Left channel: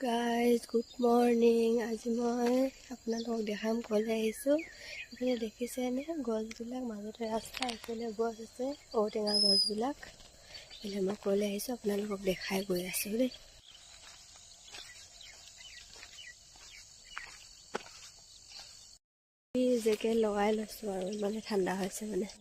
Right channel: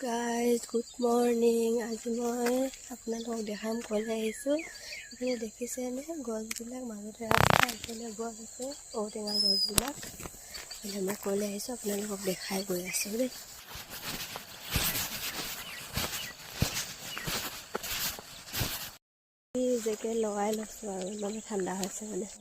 Guys, good morning. আজি মই আপোনালোকক দেখাম ক'লে আহিছোঁ। এইখিনি দেখিছেনে গছবিলাক মাজতে ৰাস্তা, এইফালে গছ আছে ঔটেঙা গছবিলাক। এইফালে মই ক'লে আহিছোঁ, আপোনালোকক দেখাই গৈ আছোঁ দেই। জেকেট লগাই লৈছোঁ আৰু ইমানে ঠাণ্ডা হৈছে মানে।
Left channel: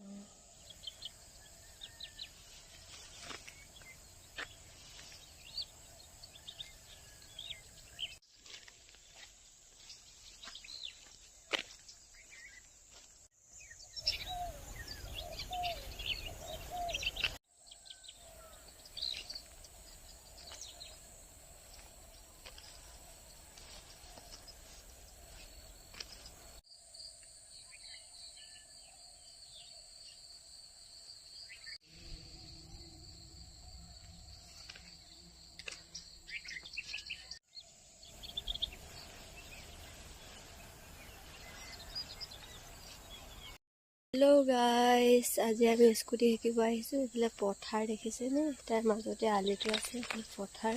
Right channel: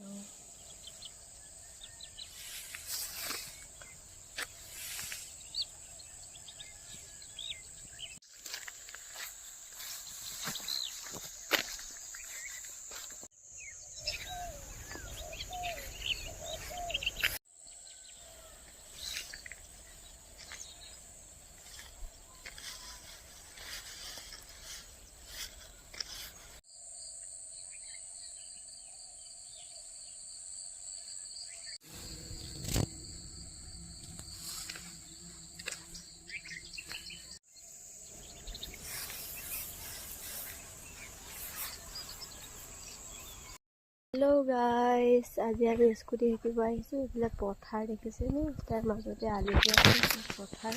হেল্ল' গাইজ, আজি আমি স্কুটি শিকিব আহিছোঁ। এইফালে পথাৰ দেখিছেনে, তাৰ মাজতে আলিটো আছে। পথাৰ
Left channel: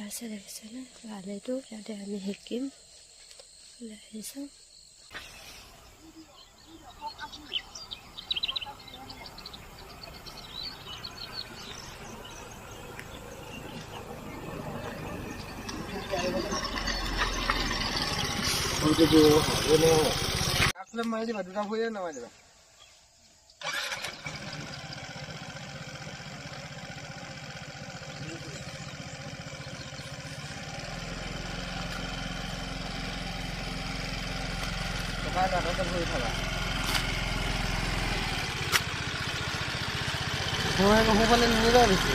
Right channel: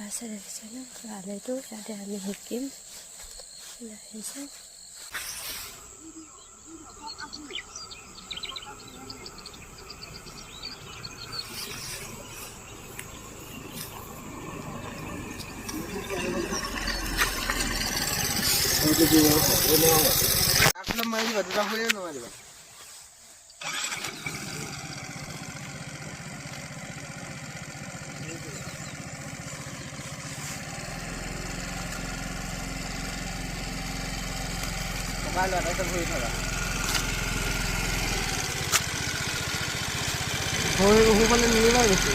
আছে দেখিছেনে, আলিটো ইয়াতে আমি শিকিম আহিছোঁ। সোঁফালে নিমিলাই বেছি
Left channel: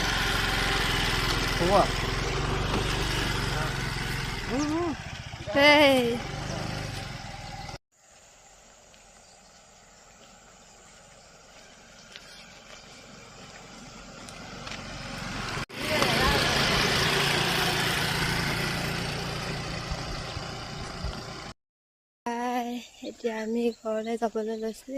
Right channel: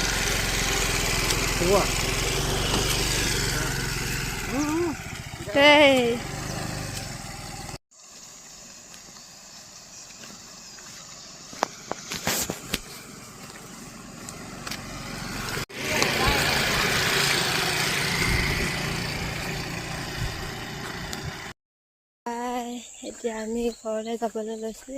এতিয়া আমি ঘৰলৈ যাবলৈ লৈছোঁ।